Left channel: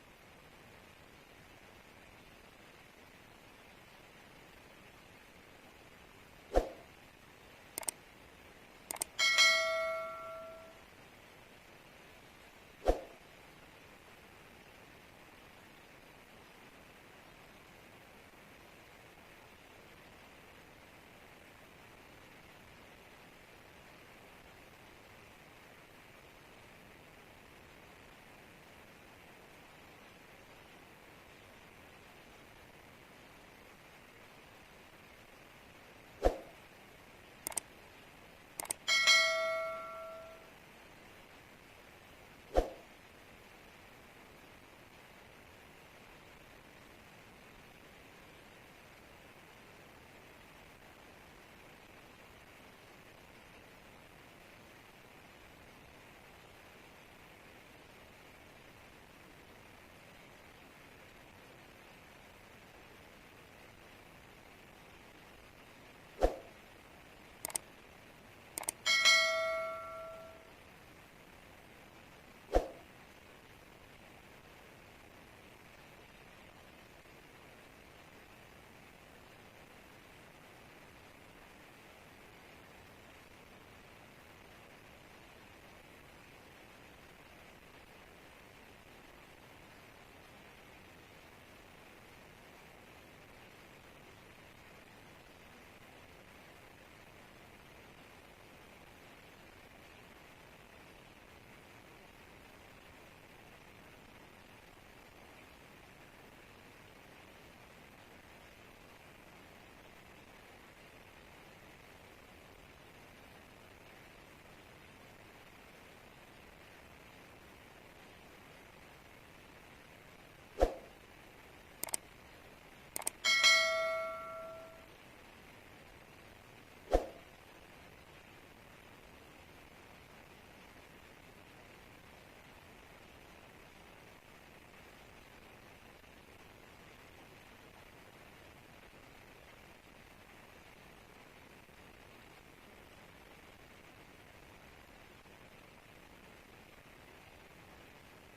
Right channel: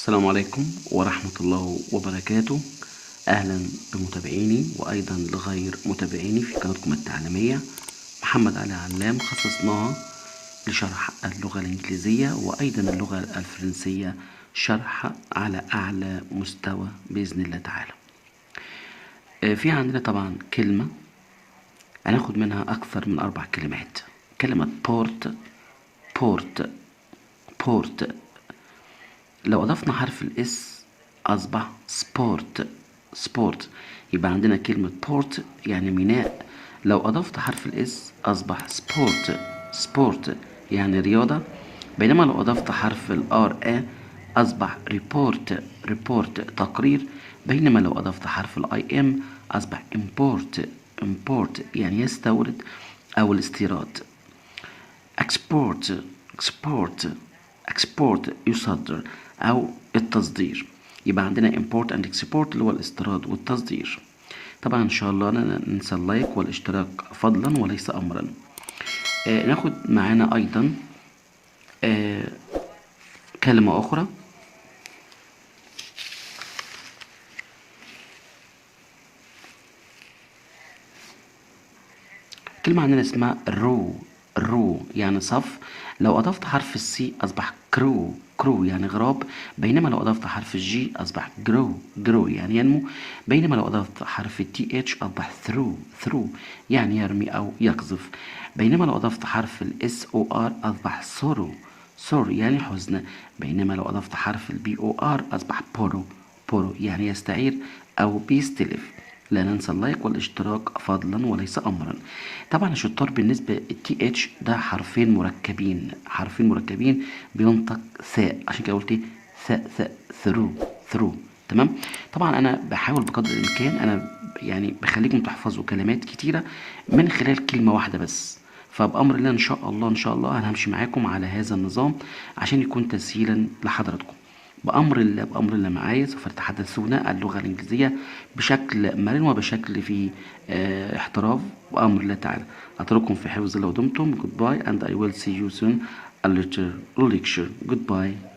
السلام عليكم ورحمة الله وبركاته. أهلا بمتابعيني وأيضا لغير متابعيني في قناتكم التعليمية محمد علي علام، خصصناها لشرح اللغة الإنجليزية وأيضا اللغة الفرنسية شرح على أعلى مستوى بإذن الله تعالى. في عندنا طبعا كلمة هناخد منها أكثر من 4 كلمات. كلمة بورت. لو أضفنا حرف الإس أصبح سبورت. يبقى عندنا كلمة بورت يعني ميناء. لو أضفت حرف الإس أصبح سبورت يعني رياضة. بينما لو أضفت حرف الآر أصبح ريبورت تقرير. بينما لو أضفت حرف الآي إم أصبح import يعني يستورد أو الاستيراد. export يصدر أو التصدير. يبقى عندنا import and export اللي هو الاستيراد والتصدير. طبعا إن شاء الله ننسى اللايك والاشتراك فضلا وليس أمرا. ناخد معانا أيضا كلمة أخرى. كلمة عندنا اسمها رو يعني صف. لو أضفت حرف السي أصبح كرو يعني غراب. بينما لو أضفت حرف الجي أصبح جرو يعني ينمو. بينما لو أضفت حرف التي اتش أصبح ثرو يعني يرمي أو يقذف. بينما لو أضفت حرف الاس او ار أصبح سور يعني حزن. بينما لو أضفت حرف البي او ار أصبح بورو يعني يستعير أو بيستلف. لا ننسى اللايك والاشتراك فضلا وليس امرا. طبعا الشطار بالنسبه التي اتش ده حرفين مركبين بينطق ثاء، عشان كده قلت ثاء ثرو. تمام. طبعا انا بحاول بقدر الامكان، انا يعني بخليكم تحفظوا كلمات كتيره من خلال كلمه واحده بس. فبامر الله ان شاء الله انا همشي معاكم على هذا النظام عشان يكون تسهيلا لحضراتكم. بأمر الله معايا سوف تتحدثون اللغة الإنجليزية بشكل مرن وبشكل فيه احتراف بأمر الله تعالى. أترككم في حفظ الله ودمتم. Goodbye and I will see you soon a later lecture. Goodbye.